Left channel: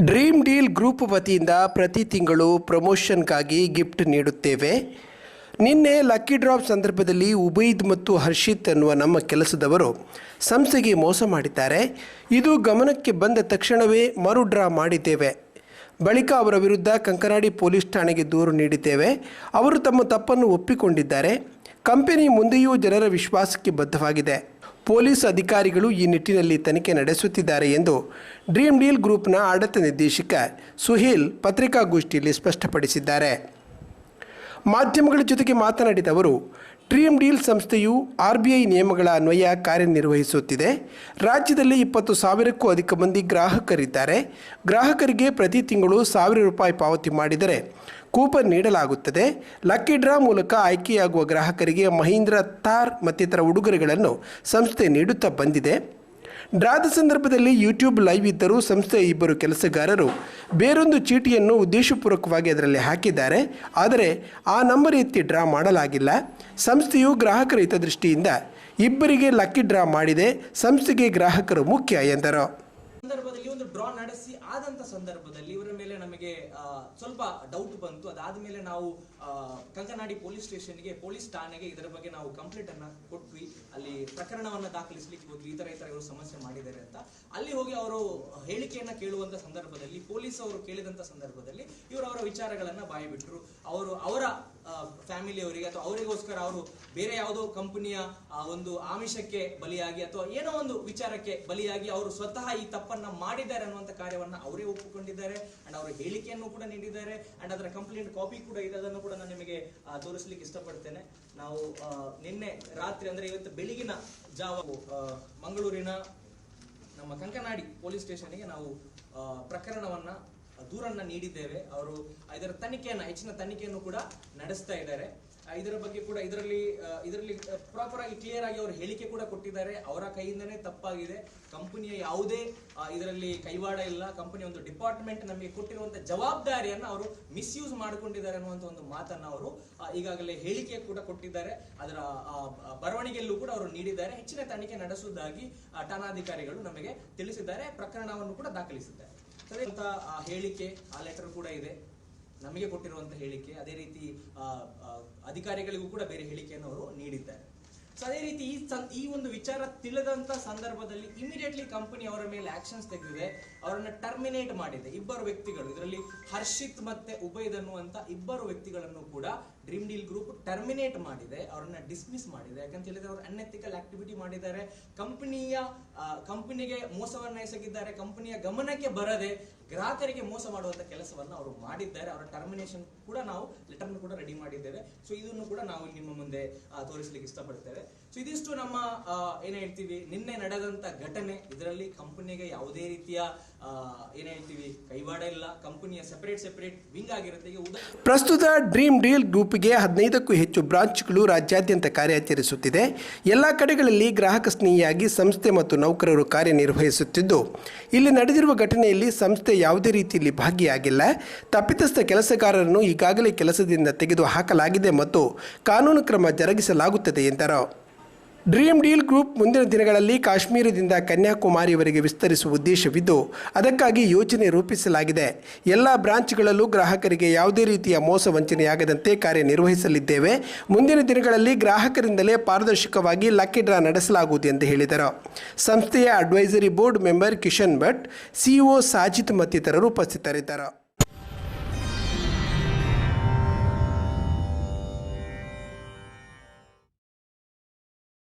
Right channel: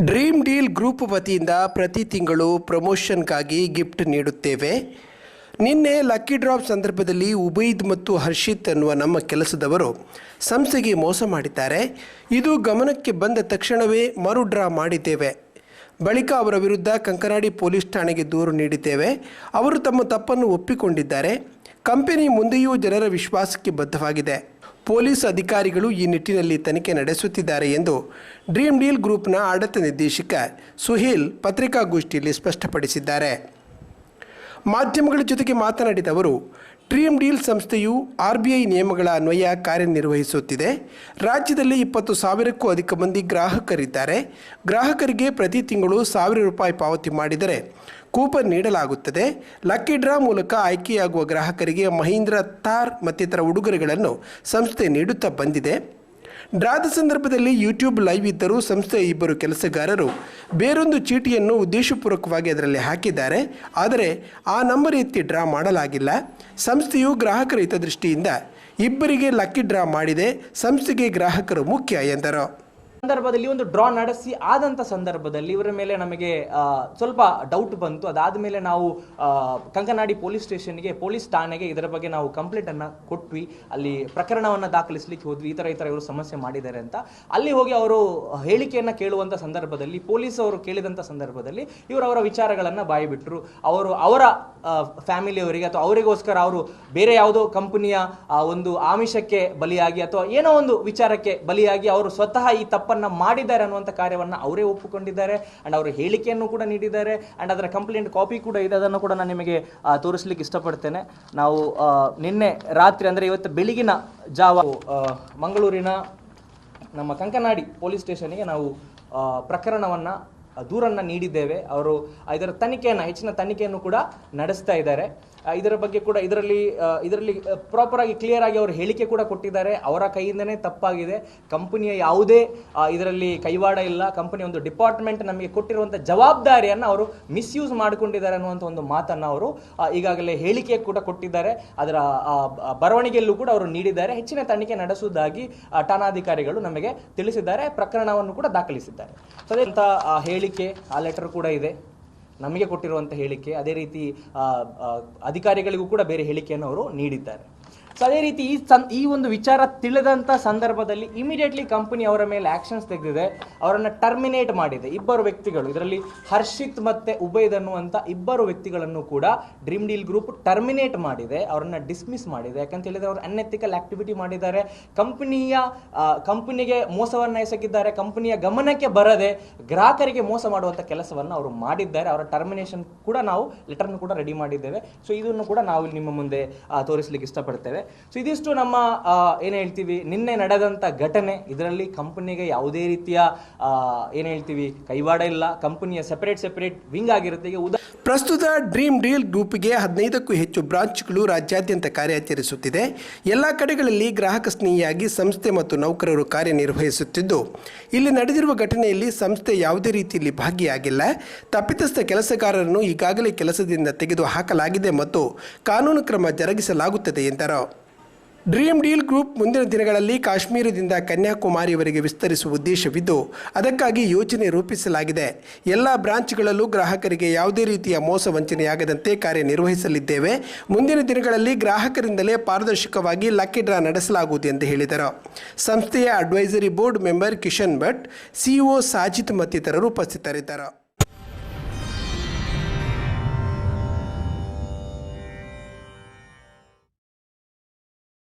Dream deal group ವತಿಯಿಂದ ಪ್ರತಿ ತಿಂಗಳು ಪ್ರಮೋಷನ್ಗಾಗಿ ಗಿಫ್ಟ್ ನೀಡುತ್ತೇವೆ. ನಿನ್ನೆ ಲಕ್ಕಿ ಡ್ರಾಪ್ ಸಂದರ್ಭದಲ್ಲಿ ಉಬೈದ್ ಮತ್ತು ಹರ್ಷಿತ್ ಅನ್ನುವ ನಮ್ಮ ಕೆಲಸದವರು ಸಂಸ್ಥೆಗೆ ಮೋಸ ಮಾಡಿದ್ದಾರೆ. ಇದು ಗಮನಕ್ಕೆ ಬಂದ ತಕ್ಷಣವೇ ಮರು ಡ್ರಾ ಮಾಡಿದ್ದೇವೆ. ಬಳಿಕ ಅವರ ವಿರುದ್ಧ ಕಂಕನಾಡಿ ಪೊಲೀಸ್ ಠಾಣೆಗೆ ದೂರು ನೀಡಿದ್ದೇವೆ. ಅವರು ತಮ್ಮ ತಪ್ಪನ್ನು ಒಪ್ಪಿಕೊಂಡಿದ್ದಾರೆ. ಕಂಪೆನಿ ಮುಂದೆಯೂ ಜನರ ವಿಶ್ವಾಸಕ್ಕೆ ಬದ್ಧವಾಗಿದೆ. ಪೊಲೀಸ್ ಅಧಿಕಾರಿಗಳು ಈ ನಿಟ್ಟಿನಲ್ಲಿ ತನಿಖೆ ನಡೆಸುತ್ತಿದ್ದಾರೆ ಎಂದು ಡ್ರೀಮ್ ಡೀಲ್ ಗ್ರೂಪ್ನ ಆಡಳಿತ ನಿರ್ದೇಶಕ ಸುಹೀಲ್ ಪತ್ರಿಕಾಗೋಷ್ಠಿಯಲ್ಲಿ ಸ್ಪಷ್ಟಪಡಿಸಿದ್ದಾರೆ. ಮಾಧ್ಯಮಗಳ ಜೊತೆಗೆ ಮಾತನಾಡಿದ ಅವರು ಡ್ರೀಮ್ ಡೀಲ್ ಸಂಸ್ಥೆಯು ಆರ್ ಬಿ ಐ ನಿಯಮಗಳ ಅನ್ವಯ ಕಾರ್ಯನಿರ್ವಹಿಸುತ್ತಿದೆ. ರಾಜ್ಯದಲ್ಲಿ ಇಪ್ಪತ್ತು ಸಾವಿರಕ್ಕೂ ಅಧಿಕ ಮಂದಿ ಗ್ರಾಹಕರಿದ್ದಾರೆ. ಗ್ರಾಹಕರಿಗೆ ಪ್ರತಿ ತಿಂಗಳು ಸಾವಿರ ರೂಪಾಯಿ ಪಾವತಿ ಮಾಡಿದರೆ ಕೂಪನ್ ನೀಡಲಾಗುತ್ತದೆ. ಲಕ್ಕಿ ಡ್ರಾ ಮೂಲಕ ಆಯ್ಕೆಯಾಗುವ ಗ್ರಾಹಕರಿಗೆ ಮಹೀಂದ್ರ ಥಾರ್ ಮತ್ತಿತರ ಉಡುಗೊರೆಗಳನ್ನು ಸಂಸ್ಥೆ ನೀಡುತ್ತಾ ಬಂದಿದೆ. ಡ್ರಾದ ಸಂದರ್ಭದಲ್ಲಿ ಯೂಟ್ಯೂಬ್ ಲೈವ್ ಇದ್ದರೂ ಸಂಸ್ಥೆಯ ಇಬ್ಬರು ಕೆಲಸಗಾರರು ಬೇರೊಂದು ಚೀಟಿಯನ್ನು ಉದ್ದೇಶಪೂರ್ವಕವಾಗಿ ಅದರಲ್ಲಿ ಹಾಕಿದ್ದಾರೆ. ಆದರೆ ಆ ನಂಬರ್ ಎತ್ತಿ ಡ್ರಾ ಮಾಡಲಾಗಿಲ್ಲ. ಸಂಸ್ಥೆಯು ಗ್ರಾಹಕರ ಹಿತದೃಷ್ಟಿಯಿಂದ ಇಬ್ಬರಿಗೆ ಲಕ್ಕಿ ಡ್ರಾ ಮಾಡಿದೆ. ಸಂಸ್ಥೆಗೆ ಗ್ರಾಹಕರು ಮುಖ್ಯ ಎಂದರು. ಸಂದರ್ಭದಲ್ಲಿ ಒಂದು ಡ್ರಾ ನಡೆಸಿ ಆದಂತ ಸಂದರ್ಭದಲ್ಲಿ ಇವರ ಮೇಲೆ ನಮಗೆ ಸ್ವಲ್ಪ ಡೌಟ್ ಬಂತು. ಅದಾದ ಮೇಲೆ ನಾವು ಕಂಕನಾಡಿ ಪೊಲೀಸ್ ಸ್ಟೇಷನ್ಗೆ ಪೊಲೀಸ್ ಠಾಣೆಗೆ ಇದರ ಬಗ್ಗೆ ನಾವು ಕಂಪ್ಲೇಂಟ್ ಅನ್ನ ಕೊಟ್ವಿ. ಅಲ್ಲಿ ಪ್ರಕರಣವನ್ನ ದಾಖಲಿಸ್ಲಿಕ್ಕೆ ಹೋದ್ವಿ. ಈ ತರ ಈ ತರ ಇವರು ಸಮಸ್ಯೆ ಮಾಡಿದ್ದಾರೆ ಅಂತ. ಅಲ್ಲಿ ಹೋಗಿ ಅವರು ಹೇಳಿಕೆಯನ್ನ ಕೇಳುವಂತ ಸಂದರ್ಭದಲ್ಲಿ ಪೊಲೀಸ್ ಅವರು ಕೇಳಿದಂತ ಸಂದರ್ಭದಲ್ಲಿ ಇವರು ಅವರ ವಿಚಾರಗಳನ್ನ ಬಾಯಿ ಬಿಟ್ಟರು ಅವರು ಅವರ ಫ್ಯಾಮಿಲಿಯವರಿಗೆ ಅಥವಾ ಅವರಿಗೋಸ್ಕರ ಅವರು ಬೇರೆ ಯಾವುದೋ ಕಂಪನಿಯ ಒಂದು ಆಮಿಷಕ್ಕೆ ಬಲಿಯಾಗಿ ಅಥವಾ ಏನೋ ಒಂದು ವಿಚಾರಕ್ಕೆ ಬಲಿಯಾಗಿ ಅವರು ಸ್ವತಃ ಈ ತಪ್ಪನ್ನ ಮಾಡಿದ್ದಾರೆ ಅನ್ನುವಂಥ ಕಾರ್ಯವನ್ನ ಅವರೇ ಒಪ್ಪಿಕೊಂಡಿದ್ದಾರೆ. ಅಂಡ್ ಅವರು ಹೇಳಿಕೆಯನ್ನು ಕೂಡ ನೀಡಿದ್ದಾರೆ. ಅಂಡ್ ಅದರ ಕಂಪ್ಲೇಂಟ್ ಕಾಪಿ ಕೂಡ ಇದೆ. ಅದನ್ನು ಕೂಡ ನಾನು ನಿಮಗೆ ತೋರಿಸ್ಲಿಕ್ಕೆ ಇಷ್ಟಪಡ್ತೇನೆ. ನಾವು ನಿನ್ನೆ ರಾತ್ರಿ ಅಂದ್ರೆ ಇವತ್ತು ಬೆಳಗಿನ ಜಾವ ಮಂಗಳೂರಿನ ನಮ್ಮ ಕಂಕನಾಡಿ ಪೊಲೀಸ್ ಸ್ಟೇಷನ್ಗೆ ನಾವು ಪ್ರಕರಣವನ್ನು ದೂರನ್ನ ನೀಡಿದ್ದೇವೆ. ಅವರು ಇದರ ತನಿಖೆಯನ್ನು, ಹೆಚ್ಚಿನ ತನಿಖೆಯನ್ನು ಕೂಡ ನಡೆಸ್ತಾ ಇದ್ದಾರೆ. ಇದರ ಬಗ್ಗೆ ಕೂಡ ಇದರಲ್ಲಿ ಇದರಲ್ಲಿ ಪ್ರಾಪರ್ ಆಗಿ ಕ್ಲಿಯರ್ ಆಗಿ ಅವರು ಹೇಳಿಕೆ ಕೂಡ ಕೊಟ್ಟಿದ್ದಾರೆ. ಅವರ ಕೈಯಿಂದನೇ ತಪ್ಪಾಗಿದೆ. ಕಂಪನಿಯ ಯಾವುದೇ ಇದರಲ್ಲಿ ಕೈವಾಡ ಇಲ್ಲ. ಕಂಪನಿ ಒಂದು ಡಿಪಾರ್ಟ್ಮೆಂಟ್ ನಮಗೆ ಕೊಟ್ಟಿರುವಂಥ ಜವಾಬ್ದಾರಿಯನ್ನು ಅವರು ಮಿಸ್ಯೂಸ್ ಮಾಡಿಕೊಂಡಿದ್ದಾರೆ ಅನ್ನುವಂಥ ಒಂದು ಮಾತನ್ನು ಅವರು ಈಗಾಗಲೇ ಹೇಳಿಕೆ ಕೂಡ ಕೊಟ್ಟಿದ್ದಾರೆ. ಅದರ ಬರವಣಿಗೆಯಲ್ಲೂ ಕೂಡ ಅವರು ನೀಡಿದ್ದಾರೆ. ಹೆಚ್ಚಿನ ತನಿಖೆ ನಡೆಸುವುದಾಗಿ ಠಾಣಾಧಿಕಾರಿಗಳು ನಮಗೆ ತಿಳಿಸಿದ್ದಾರೆ. ಪ್ರಕರಣವನ್ನು ಕೂಡ ದಾಖಲಿಸಿದ್ದಾರೆ. ಸೊ ಅದೇ ಹೇಳಿಕೆ, ಆ ಲೆಟರ್ ಕೂಡ ಇದೆ. ನಮಗೆ ಕೊಟ್ಟಿರುವಂತಹ ಹೇಳಿಕೆ ಅದೇ ರೀತಿ ಅಧಿಕಾರಿಗಳಿಗೂ ಕೂಡ ಬೇರೆ ಹೇಳಿಕೆಯನ್ನು ಅವರು ನೀಡಿದ್ದಾರೆ. ಸೊ ಅದೇ ರೀತಿ ಈ ಸನ್ ಈ ಒಂದು ವಿಚಾರ ತಿಳಿದಂಥ ಸಂದರ್ಭದಲ್ಲಿ ಇಮಿಡಿಯೇಟ್ಲಿ ಕಂಪನಿ ಅವರ ಮೇಲೆ ಆ್ಯಕ್ಷನ್ಸ್ ತೆಗೆದಿದೆ. ಅವರನ್ನು ಟರ್ಮಿನೇಟ್ ಮಾಡಿದೆ. ಇಬ್ಬರು ವ್ಯಕ್ತಿಗಳು. ಇದರಲ್ಲಿ ಹರ್ಷಿತ್ ಮತ್ತು ಉಬೈದ್ ಅನ್ನುವಂಥ ಇಬ್ಬರು ವ್ಯಕ್ತಿಗಳನ್ನು ಕೂಡ ಡ್ರೀಮ್ ಡೀಲ್ ಗ್ರೂಪ್ ಟರ್ಮಿನೇಟ್ ಮಾಡಿದೆ. ಅವರನ್ನು ಡಿಸ್ಮಿಸ್ ಮಾಡಿದೆ. ಯಾಕಂತ ಹೇಳಿದರೆ ಅವರು ಅನ್ಎಥಿಕಲ್ ಆ್ಯಕ್ಟಿವಿಟಿ ಮಾಡಿದ್ದಾರೆ. ಕಂಪನಿಯ ಕಂಪನಿಗೆ ಮೋಸವನ್ನು ಎಸಗಿದ್ದಾರೆ. ಕಂಪನಿಯ ಗಮನಕ್ಕೆ ಬರದೆ ಗ್ರಾಹಕರಿಗೆ ಮೋಸ ಮಾಡುವಂಥ ಕೆಲಸವನ್ನು ಅವರು ಮಾಡಿದ್ದಾರೆ. ಅವರ ಟರ್ಮಿನೇಷನ್ ಕೂಡ ನಾವು ಲೆಟರ್ನ ಕೂಡ ರೆಡಿ ಮಾಡಿದ್ದೇವೆ. ಸೊ ಇದನ್ನು ಕೂಡ ನಾವು ನಿಮ್ಮ ಮುಂದೆ ತೋರಿಸ್ಲಿಕ್ಕೆ ಇಷ್ಟಪಡ್ತೇವೆ. ಸೊ ಇದಿಷ್ಟು ನಮ್ಮ ಏನು ಹೇಳ್ತೀವಿ, ನಿನ್ನೆ ನಡೆದಂತ ಘಟನೆ. ಇದರಲ್ಲಿ ಕಂಪನಿಗೆ ಯಾವುದೇ ರೀತಿಯ ಏನು ಏನ್ ಹೇಳ್ತೀವಿ, ಕೈವಾಡ ಇಲ್ಲ. ಕಂಪನಿಯ ಸೆಪರೇಟ್ ಸೆಪರೇಟ್ ವಿಂಗ್ ಆಗಿರುತ್ತೆ. ಈಗ ಉದಾ ಪ್ರಸ್ತುತ ಡ್ರೀಮ್ ಡೀಲ್ ಗ್ರೂಪ್ಗೆ ಹದಿನೈದಕ್ಕೂ ಹೆಚ್ಚು ಬ್ರಾಂಚ್ಗಳು ರಾಜ್ಯಾದ್ಯಂತ ಕಾರ್ಯಾಚರಿಸುತ್ತಿದೆ. ಎಲ್ಲ ಕಡೆಗಳಲ್ಲಿ ಗ್ರಾಹಕ ಸ್ನೇಹಿಯಾಗಿ ಸಂಸ್ಥೆ ಮತ್ತು ನೌಕರರು ಕಾರ್ಯನಿರ್ವಹಿಸುತ್ತಿದ್ದು. ಇಲ್ಲಿ ನಡೆದಿರುವ ಘಟನೆಯಲ್ಲಿ ಸಂಸ್ಥೆ ಯಾವುದೇ ರೀತಿಯಲ್ಲಿ ಭಾಗಿಯಾಗಿಲ್ಲ. ತಪ್ಪಿತಸ್ಥ ಕೆಲಸಗಾರರನ್ನು ಈಗಾಗಲೇ ಕೆಲಸದಿಂದ ತೆಗೆದು ಹಾಕಲಾಗಿದೆ ಮತ್ತು ಕಾನೂನು ಕ್ರಮ ಜರುಗಿಸಲಾಗುತ್ತದೆ ಎಂದರು. ಡ್ರೀಮ್ ಡೀಲ್ ಗ್ರೂಪ್ ಮುಂದಿನ ದಿನಗಳಲ್ಲಿ ಕಾಶ್ಮೀರದಿಂದ ಕನ್ಯಾಕುಮಾರಿವರೆಗೆ ವಿಸ್ತರಿಸುವ ಉದ್ದೇಶವಿದ್ದು, ಅದಕ್ಕಾಗಿ ಯೋಜನೆ ರೂಪಿಸಲಾಗಿದೆ. ಎಲ್ಲ ಬ್ರಾಂಚ್ಗಳಲ್ಲೂ ಗ್ರಾಹಕರಿಗೆ ಯಾವುದೇ ರೀತಿಯ ಮೋಸ ವಂಚನೆಯಾಗದಂತೆ ಕಾರ್ಯನಿರ್ವಹಿಸಲಿದ್ದೇವೆ. ಮುಂದಿನ ದಿನಗಳಲ್ಲಿ ಗ್ರಾಹಕರಿಂದಲೇ ಪಾರದರ್ಶಕವಾಗಿ ಲಕ್ಕಿ ಡ್ರಾ ನಡೆಸಲಾಗುವುದು ಎಂದು ಹೇಳಿದರು. ಸಂಸ್ಥೆಯ advisory board member Kishan Bhat, CEO Sajith ಮತ್ತಿತರರು ಉಪಸ್ಥಿತರಿದ್ದರು.